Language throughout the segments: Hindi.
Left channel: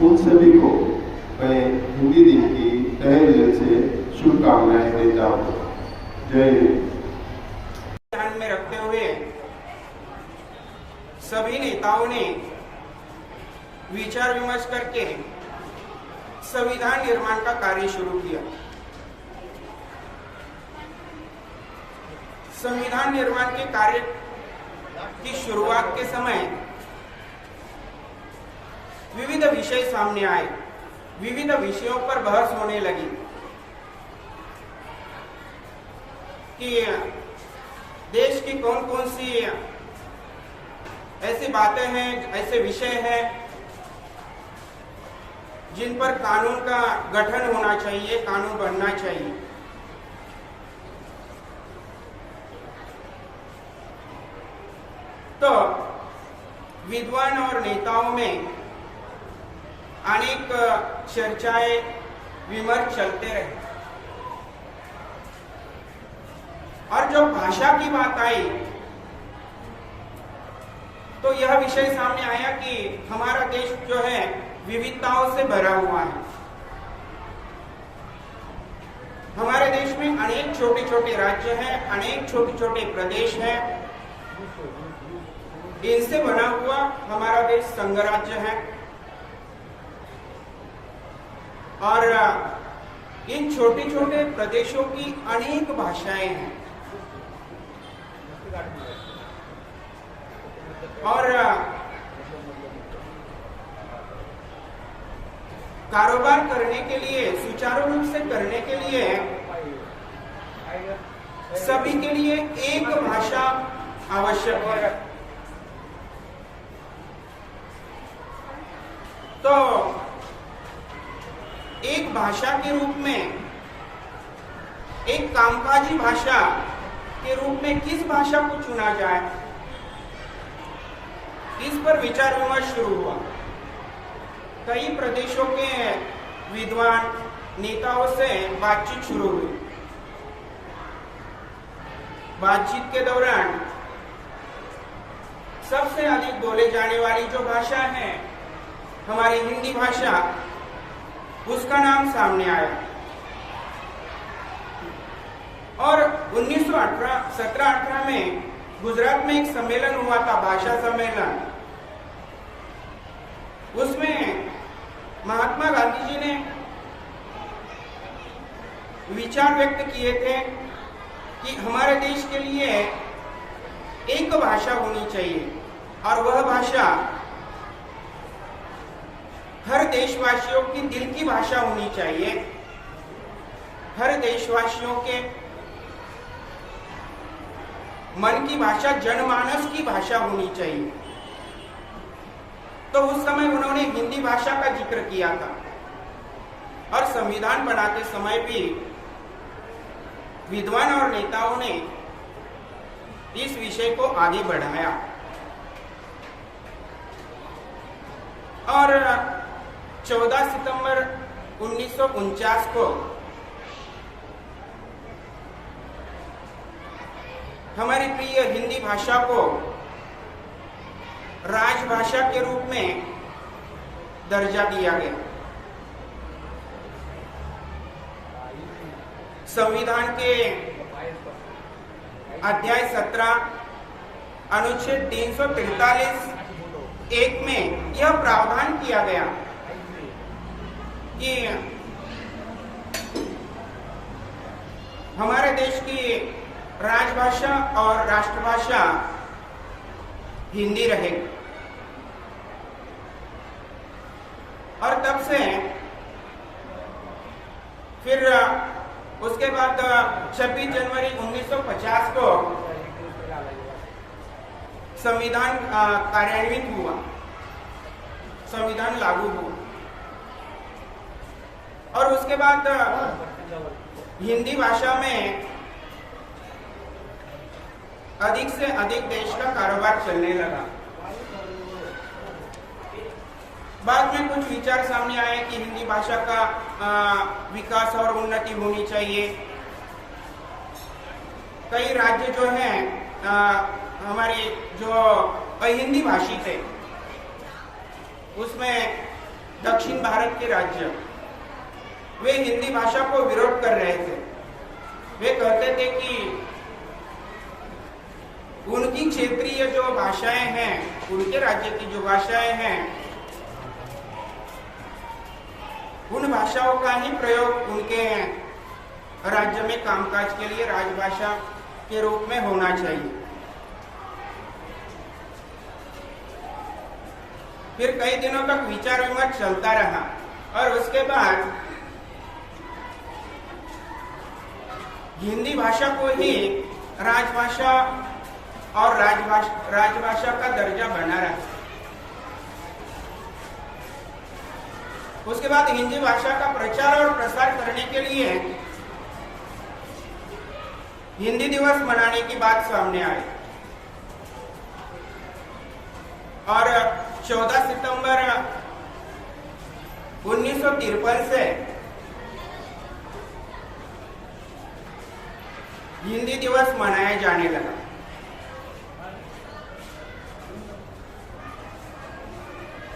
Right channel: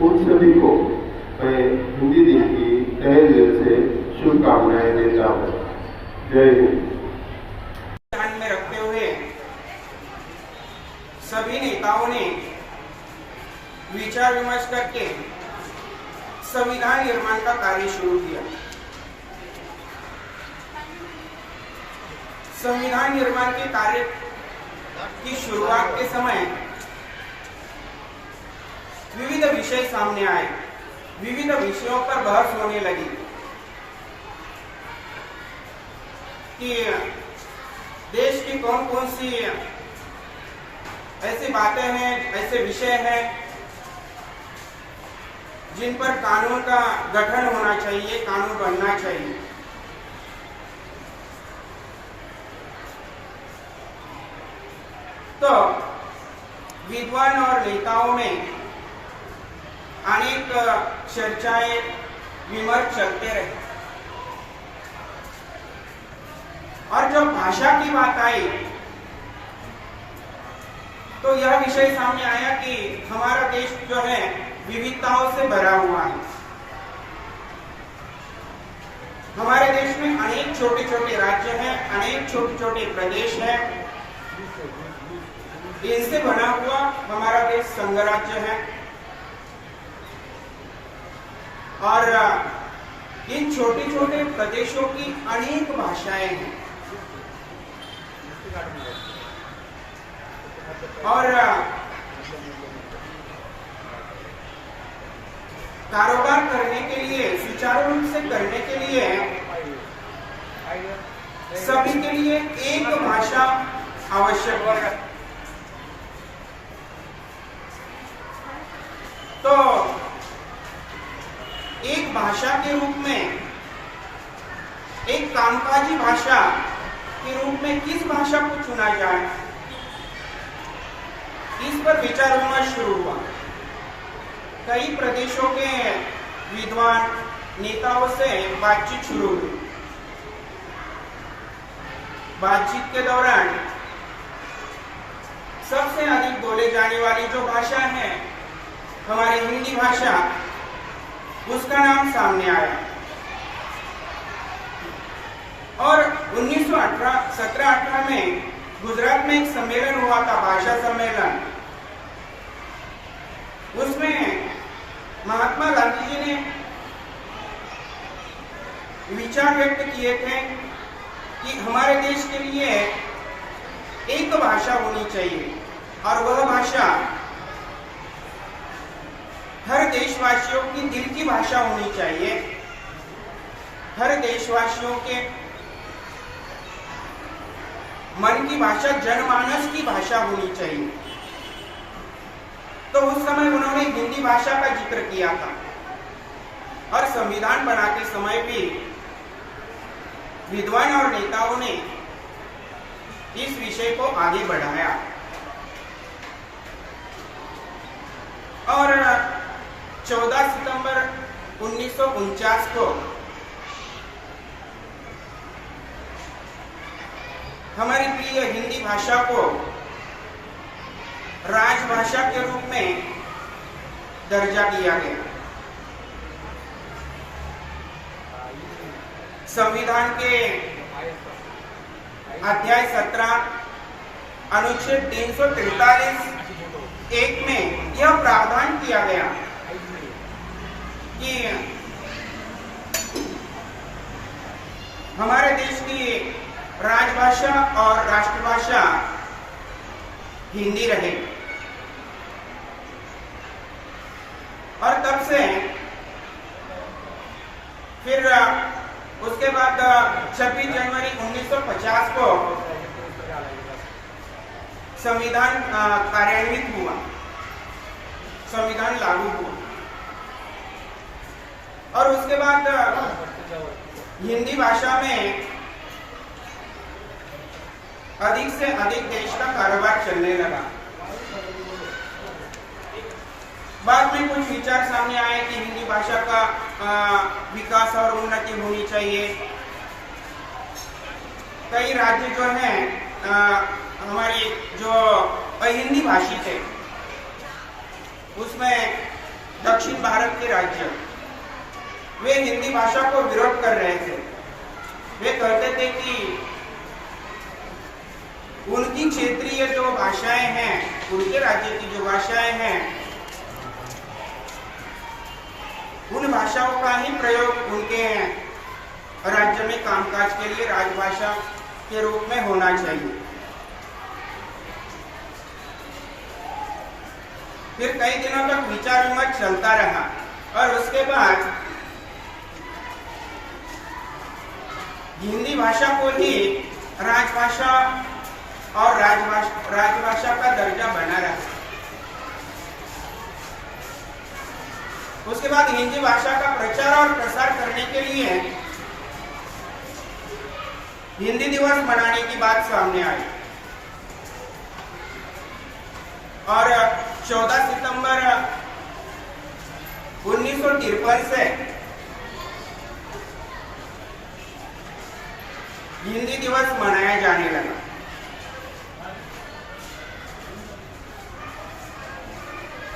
उन सभी को मैं हिंदी दिन की तहे दिल से शुभकामनाएं देता हूँ। जय हिंद। ध्यान में रखते हुए सभी नेताओं ने विचार विमर्श करके संविधान निर्माण का कार्य शुरू किया। संविधान निर्माण के कार्य की शुरुआत के समय विविध विषय सामने आए, विविध विषयों पर बहस होने लगी कि देश की कौन कौन सी ऐसी बातें हैं, ऐसे विषय हैं जिन पर कानून का गठन होना चाहिए, कानून बनना चाहिए। तो विद्वान और नेताओं में अनेक चर्चाएं, विमर्श चलते रहे और जब भाषा की बात आई तो यह विषय सामने आया कि हमारा देश जो है विविधताओं से भरा हुआ है। हमारे देश में अनेक छोटे छोटे राज्य हैं, अनेक छोटे छोटे प्रदेश हैं। इनसे बना हुआ हमारा देश संघ राज्य है और इन छोटे छोटे प्रदेशों की अनेक भाषाएं हैं और कारोबार करने के लिए, सुचारू रूप से करने के लिए सभी के लिए एक भाषा आवश्यक है। तो एक भाषा के रूप में, एक कामकाजी भाषा के रूप में किस भाषा को चुना जाए, इस पर विचार विमर्श शुरू हुआ। कई प्रदेशों के विद्वान नेताओं से बातचीत शुरू हुई। बातचीत के दौरान सबसे अधिक बोले जाने वाली जो भाषा है हमारी हिंदी भाषा, उसका नाम सामने आया और 1917-18 में गुजरात में एक सम्मेलन हुआ था, भाषा सम्मेलन। उसमें महात्मा गांधी जी ने विचार व्यक्त किए थे कि हमारे देश के लिए एक भाषा होनी चाहिए और वह भाषा हर देशवासियों की दिल की भाषा होनी चाहिए, हर देशवासियों के मन की भाषा, जनमानस की भाषा होनी चाहिए। तो उस समय उन्होंने हिंदी भाषा का जिक्र किया था और संविधान बनाते समय भी विद्वान और नेताओं ने इस विषय को आगे बढ़ाया और 14 सितंबर 1949 को हमारी प्रिय हिंदी भाषा को राजभाषा के रूप में दर्जा दिया गया। संविधान के अध्याय 17 अनुच्छेद 343(1) में यह प्रावधान किया गया कि हमारे देश की राजभाषा और राष्ट्रभाषा हिंदी रहे और तब से फिर उसके बाद 26 जनवरी 1950 को संविधान कार्यान्वित हुआ, संविधान लागू हुआ और उसके बाद हिंदी भाषा में अधिक से अधिक देश का कारोबार चलने लगा। बाद में कुछ विचार सामने आए कि हिंदी भाषा का विकास और उन्नति होनी चाहिए। कई राज्य जो हैं हमारे जो हिंदी भाषी थे उसमें दक्षिण भारत के राज्य वे हिंदी भाषा को विरोध कर रहे थे। वे कहते थे कि उनकी क्षेत्रीय जो भाषाएं हैं, उनके राज्य की जो भाषाएं हैं, उन भाषाओं का ही प्रयोग उनके राज्य में कामकाज के लिए राजभाषा के रूप में होना चाहिए। फिर कई दिनों तक विचार विमर्श चलता रहा और उसके बाद हिंदी भाषा को ही राजभाषा और राजभाषा का दर्जा बना रहा। उसके बाद हिंदी भाषा का प्रचार और प्रसार करने के लिए हिंदी दिवस मनाने की बात सामने आई और 14 सितंबर 1953 से हिंदी दिवस मनाया जाने लगा।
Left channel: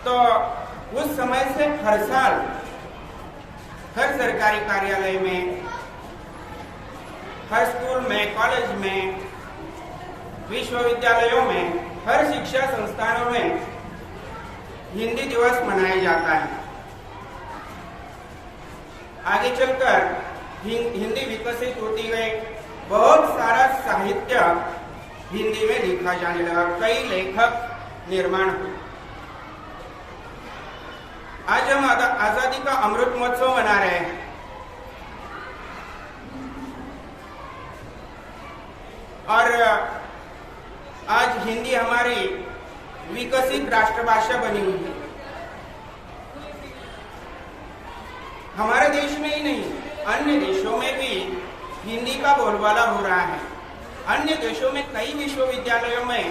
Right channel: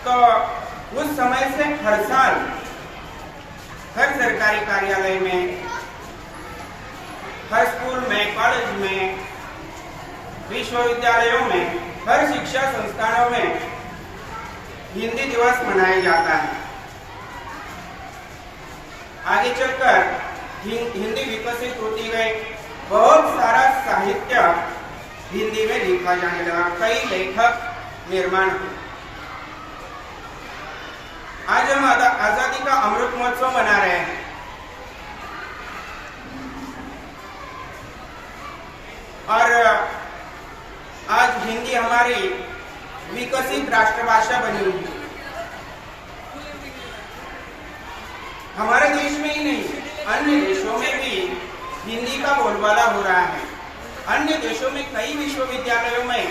तो उस समय से हर साल हर सरकारी कार्यालय में, हर स्कूल में, कॉलेज में, विश्वविद्यालयों में, हर शिक्षा संस्थानों में हिंदी दिवस मनाया जाता है। आगे चलकर हिंदी विकसित होती गई, बहुत सारा साहित्य हिंदी में लिखा जाने लगा, कई लेखक निर्माण हुए। आज हम आजादी का अमृत महोत्सव मना रहे हैं। और आज हिंदी हमारी विकसित राष्ट्रभाषा बनी हुई है। हमारे देश में ही नहीं, अन्य देशों में भी हिंदी का बोलबाला हो रहा है। अन्य देशों में कई विश्वविद्यालयों में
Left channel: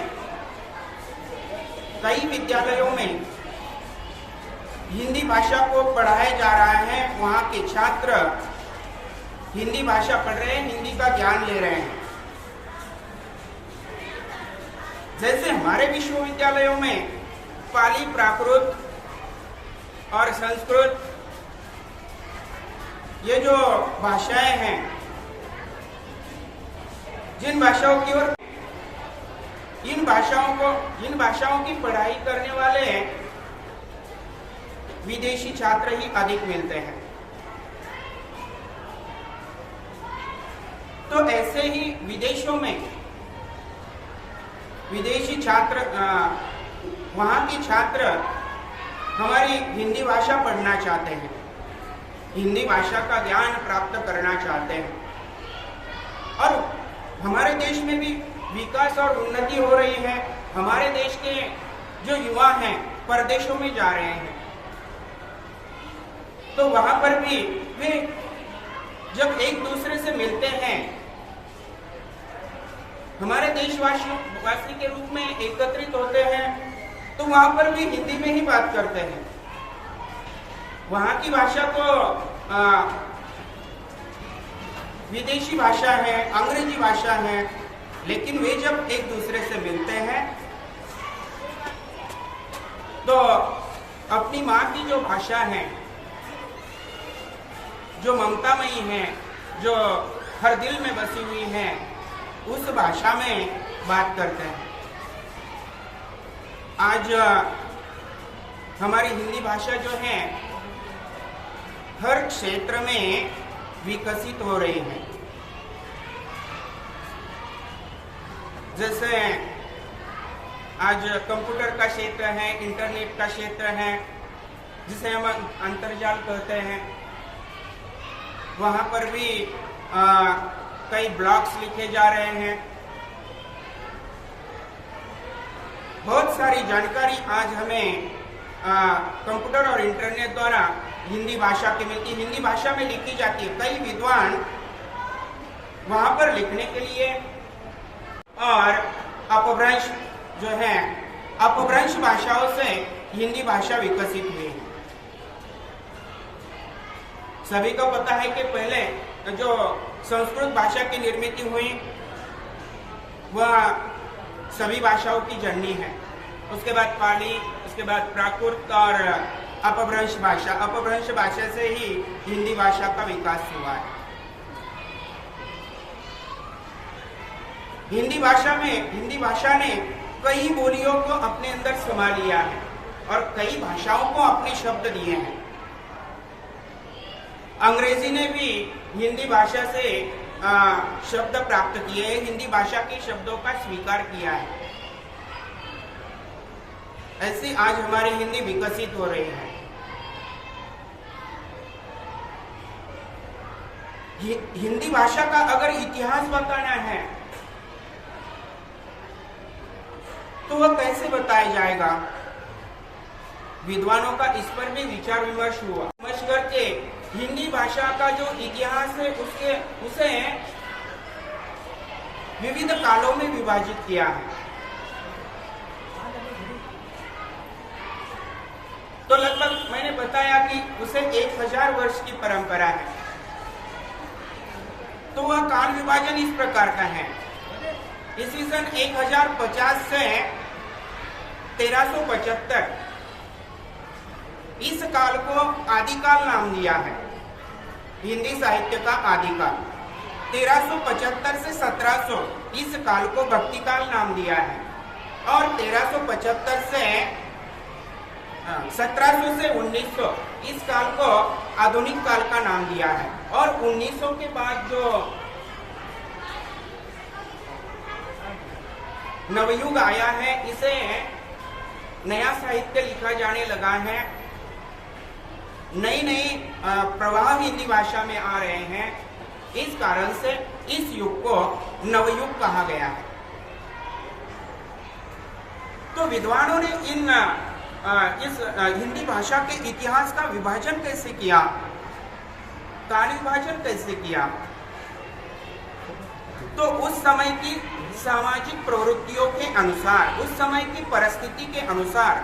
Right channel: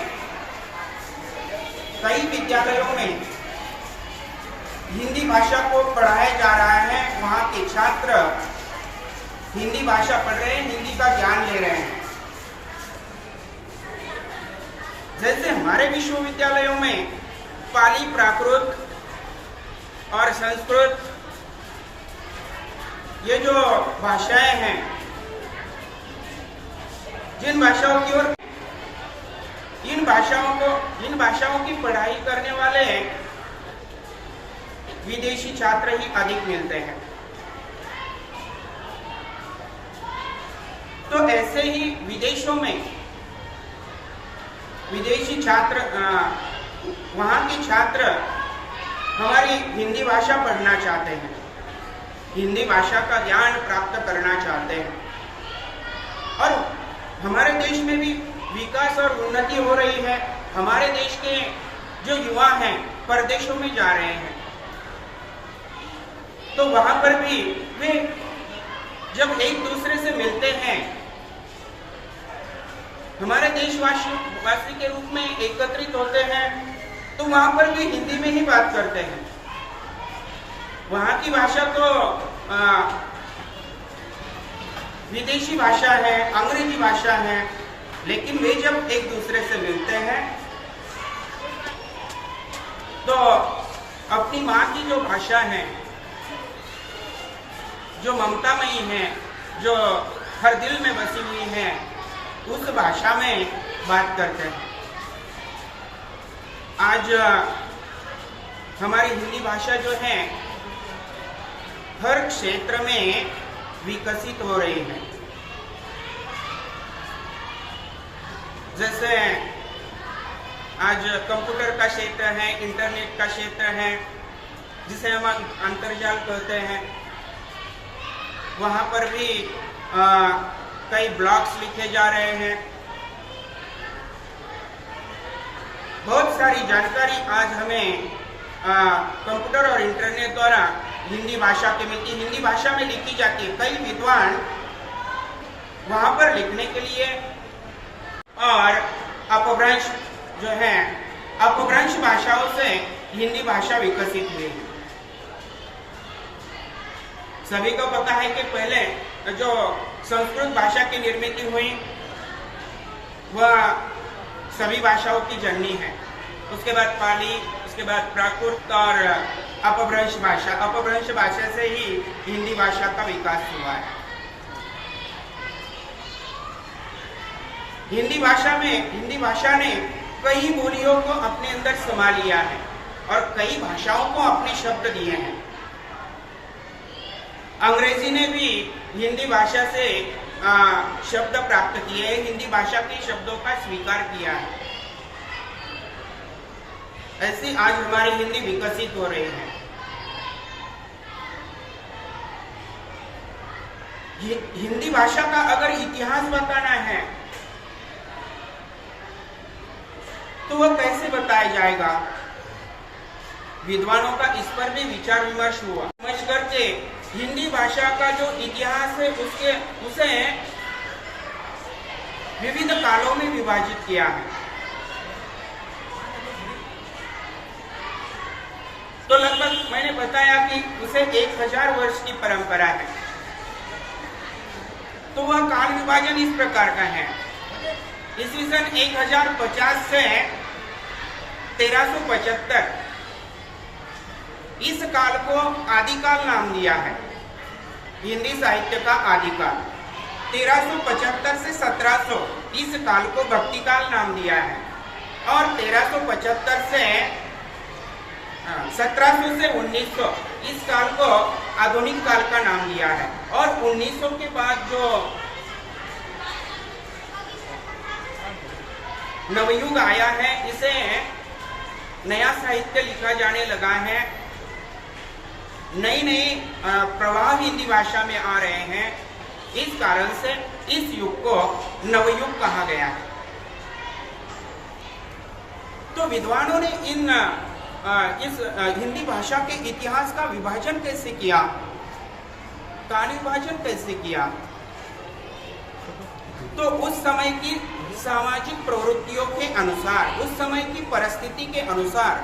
हिंदी भाषा को पढ़ाया जा रहा है। वहाँ के छात्र हिंदी भाषा पढ़ रहे हैं, हिंदी का ज्ञान ले रहे हैं। जैसे हमारे विश्वविद्यालयों में पाली, प्राकृत और संस्कृत, ये जो भाषाएं हैं, जिन भाषाओं की ओर इन भाषाओं की पढ़ाई करने वाले विदेशी छात्र ही अधिक मिलते हैं। तो ऐसे ही विदेशों में विदेशी छात्र, वहाँ के छात्र हमारी हिंदी भाषा पढ़ना चाहते हैं, हिंदी भाषा का ज्ञान प्राप्त करना चाहते हैं। और हमारे देश में भी विकास और उन्नति हो रही है। हमारे देश के जो युवा हैं परदेशों में जा रहे हैं, तो वहां पर भी वे जब एक दूसरे से मिलते हैं, हमारे देशवासी के रूप में एकत्रित होते हैं, तो वहां पर भी हिंदी में ही बात करते हैं। वहां की भाषा तो विदेशी भाषा है, अंग्रेजी भाषा है, लेकिन वे जब एक दूसरे से मिलते हैं तो अपनी माँ की जो भाषा है, जो ममतामयी है, जो हर दिल में बसी हुई है, उस भाषा में बात करते हैं। आज हमारी हिंदी भाषा जो है हर क्षेत्र में विकसित हो रही है। जैसे आज कंप्यूटर का क्षेत्र है, इंटरनेट का क्षेत्र है, जिसे हम अंतर्जाल कहते हैं, वहाँ पर भी कई ब्लॉग्स लिखे जा रहे हैं। बहुत सारी जानकारी आज हमें कंप्यूटर और इंटरनेट द्वारा हिंदी भाषा के मिलती है, हिंदी भाषा में लिखी जाती है। कई विद्वान वहाँ पर लिखने के लिए और अपभ्रंश जो है, अपभ्रंश भाषाओं से हिंदी भाषा विकसित हुई है। सभी को पता है कि पहले जो संस्कृत भाषा की निर्मित हुई वह सभी भाषाओं की जननी है। उसके बाद पाली, उसके बाद प्राकृत और अपभ्रंश भाषा, अपभ्रंश भाषा से ही हिंदी भाषा का विकास हुआ है। हिंदी भाषा ने कई बोलियों को अपने अंदर समा लिया है और कई भाषाओं को अपने शब्द दिए हैं। अंग्रेजी ने भी हिंदी भाषा से शब्द प्राप्त किए हैं, हिंदी भाषा के शब्दों का स्वीकार किया है। ऐसे आज हमारी हिंदी विकसित हो रही है। हिंदी भाषा का अगर इतिहास बताना है तो वह कैसे बताया जाएगा? विद्वानों का इस पर भी विचार विमर्श हुआ। समझ करके हिंदी भाषा का जो इतिहास है उसे विविध कालों में विभाजित किया है। तो लगभग मैंने बताया कि उसे 1000 वर्ष की परंपरा है। तो वह काल विभाजन इस प्रकार का है। ईस्वी सन 1050 से 1375 इस काल को आदिकाल नाम दिया है, हिंदी साहित्य का आदिकाल। 1375 से 1700 इस काल को भक्तिकाल नाम दिया है और 1375 से 1700 से 1900 इस काल को आधुनिक काल का नाम दिया है। और 1900 के बाद जो नवयुग आया है, इसे नया साहित्य लिखा जाने लगा है, नई प्रवाह हिंदी भाषा में आ रहे हैं। इस कारण से इस युग को नवयुग कहा गया है। तो विद्वानों ने इस हिंदी भाषा के इतिहास का विभाजन कैसे किया, काल विभाजन कैसे किया? तो उस समय की सामाजिक प्रवृत्तियों के अनुसार, उस समय की परिस्थिति के अनुसार